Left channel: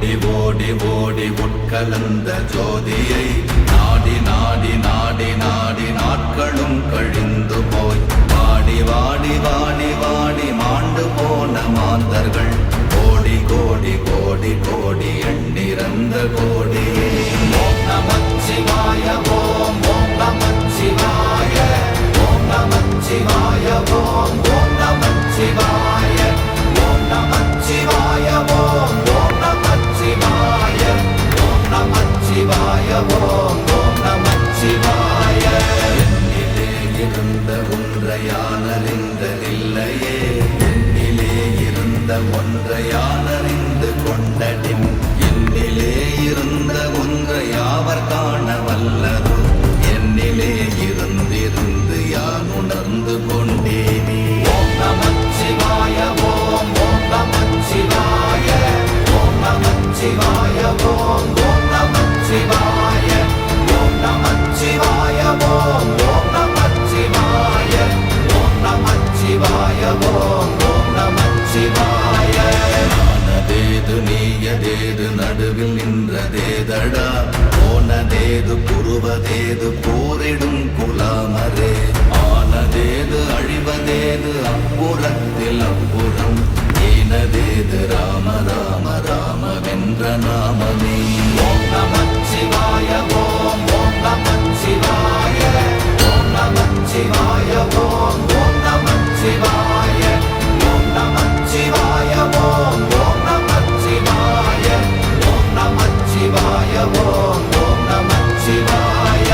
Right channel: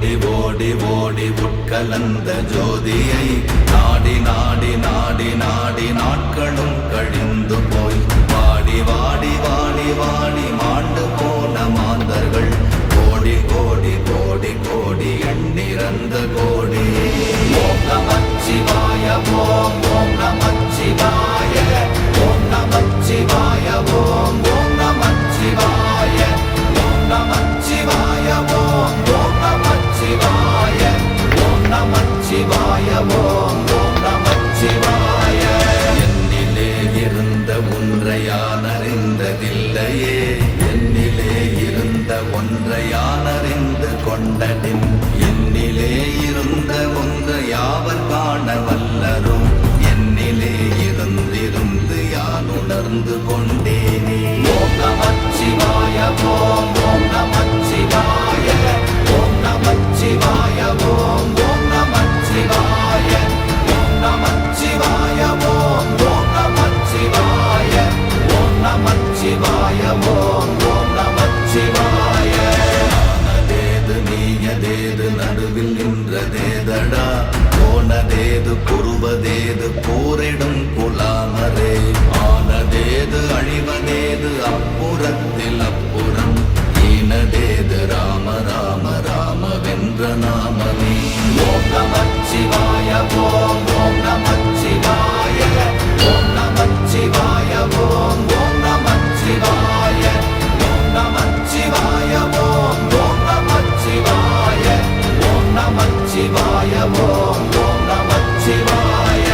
ஓடி ஓடி ஓடி உட்கலந்த ஜோதியை நாடி நாடி நாடி நாடி நாட்களும் கழிந்து போய் வாடி வாடி வாடி வாடி மாண்டு போன மாந்தர்கள் கோடி கோடி கோடி கோடி எண்ணிறந்த கோடி. ஓம் நமச்சிவாய ஓம் ஓம் நமச்சிவாய ஓம் நமச்சிவாய ஓம் ஓம் நமச்சிவாய ஓம் நமச்சிவாய ஓம் ஓம் நமச்சிவாய ஓம் நமச்சிவாய ஓம் ஓம் நமச்சிவாய. என்னிலே இருந்த ஒன்றை யான் அறிந்ததில்லையே, என்னிலே இருந்த ஒன்றை யான் அறிந்து கொண்டடின், என்னிலே இருந்த ஒன்றை யாவர் காண வல்லரோ, என்னிலே இருந்திருந்து யான் உணர்ந்து கொண்டேனே. ஓம் நமச்சிவாய ஓம் ஓம் நமச்சிவாய ஓம் நமச்சிவாய ஓம் ஓம் நமச்சிவாய ஓம் நமச்சிவாய ஓம் ஓம் நமச்சிவாய ஓம் நமச்சிவாய ஓம் ஓம் நமச்சிவாய. நானதேது நீயதேது நடுவில் நின்றதேதடா, போனதேது புருவதேது போரிடும் குலாமரே, ஆனதேது அழிவதேது அப்புறத்தில் அப்புறம், ஈனதேது ராம ராம ராமவென்ற நாமமே. ஓம் நமச்சிவாய ஓம் ஓம் நமச்சிவாய ஓம் நமச்சிவாய ஓம் ஓம் நமச்சிவாய ஓம் நமச்சிவாய ஓம் ஓம் நமச்சிவாய ஓம் நமச்சிவாய ஓம் ஓம் நமச்சிவாய.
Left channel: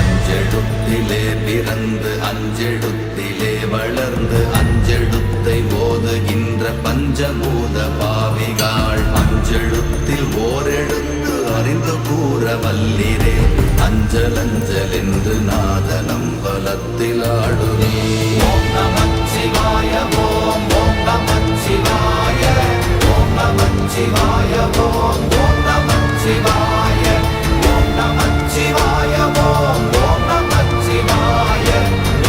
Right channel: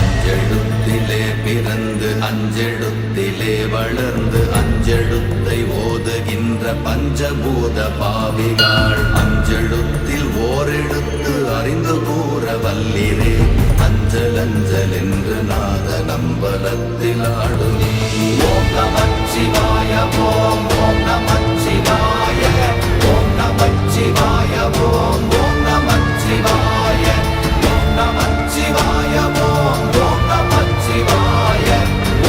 அஞ்செழுத்திலே பிறந்து அஞ்செழுத்திலே வளர்ந்து அஞ்செழுத்தை ஓதுகின்ற பஞ்சபூத பாவிகாள், அஞ்செழுத்தில் ஓரெழுத்து அறிந்து கூற வல்லிரே, அஞ்சல் அஞ்சல் என்று நாத நம்பலத்தில் ஆடுமே. ஓம் நமச்சிவாய ஓம் ஓம் நமச்சிவாய ஓம் நமச்சிவாய ஓம் ஓம் நமச்சிவாய ஓம் நமச்சிவாய ஓம் ஓம் நமச்சிவாய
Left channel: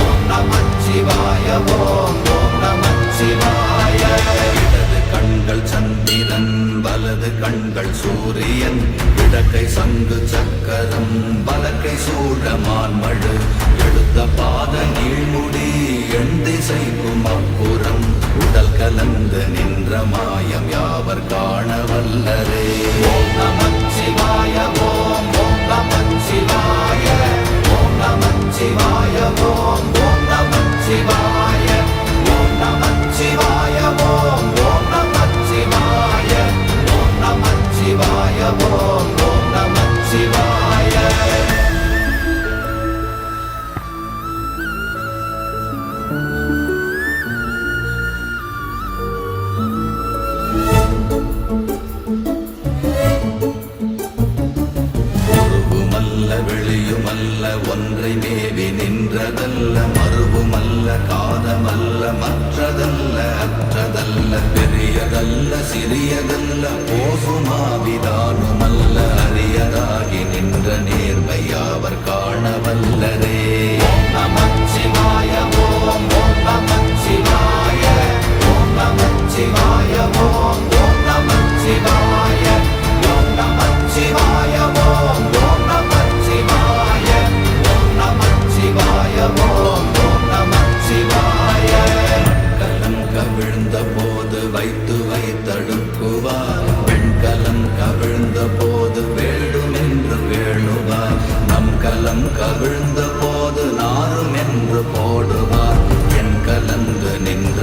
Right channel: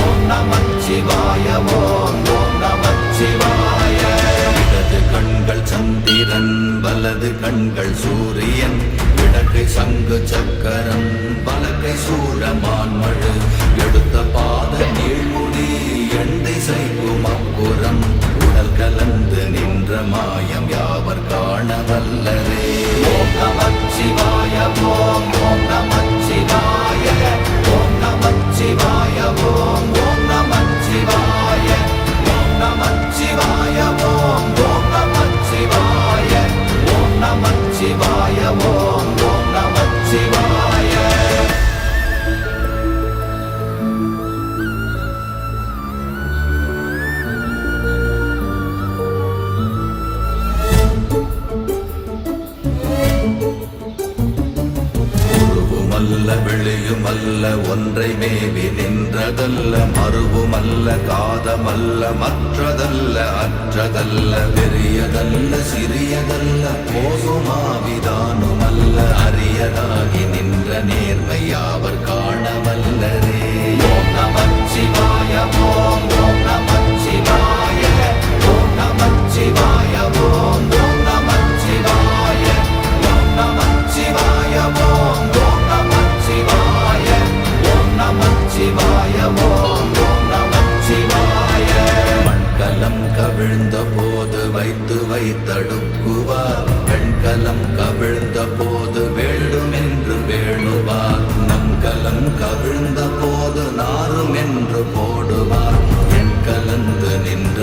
ஓம் நமச்சிவாய ஓம் ஓம் நமச்சிவாய. இடது கண்கள் சந்திரன் வலது கண்கள் சூரியன், இடக்கை சங்கு சக்கரம் வலக்கை சூரமான்மழு, எடுத்த பாத நீழ்முடி எண் திசைக்கும் அப்புறம், உடல் கலந்து நின்ற மாயம் யாவர் காண வல்லரே. ஓம் நமச்சிவாய ஓம் ஓம் நமச்சிவாய ஓம் நமச்சிவாய ஓம் ஓம் நமச்சிவாய ஓம் நமச்சிவாய ஓம் ஓம் நமச்சிவாய ஓம் நமச்சிவாய ஓம் ஓம் நமச்சிவாய. வெளியுமல்ல ஒன்றை மேவி நின்றதல்ல, மறுவுமல்ல காதமல்ல மற்றதல்ல அற்றதல்ல, பெரியதல்ல சிறியதல்ல போகுமாவிதானுமல்ல, அரியராகி நின்ற நேர்மை யாவர் காண வல்லரே. ஓம் நமச்சிவாய ஓம் ஓம் நமச்சிவாய ஓம் நமச்சிவாய ஓம் ஓம் நமச்சிவாய ஓம் நமச்சிவாய ஓம் ஓம் நமச்சிவாய ஓம் நமச்சிவாய ஓம் ஓம் நமச்சிவாய. மண்கலம் கவிழ்ந்த போது வைத்து வைத்தடுக்குவார், பெண்கலம் கவிழ்ந்த போது வேடும் என்று வேணுவார், நம் கலம் கவிழ்ந்த போது நாரும் என்று போடுவார், என் கலந்து நின்ற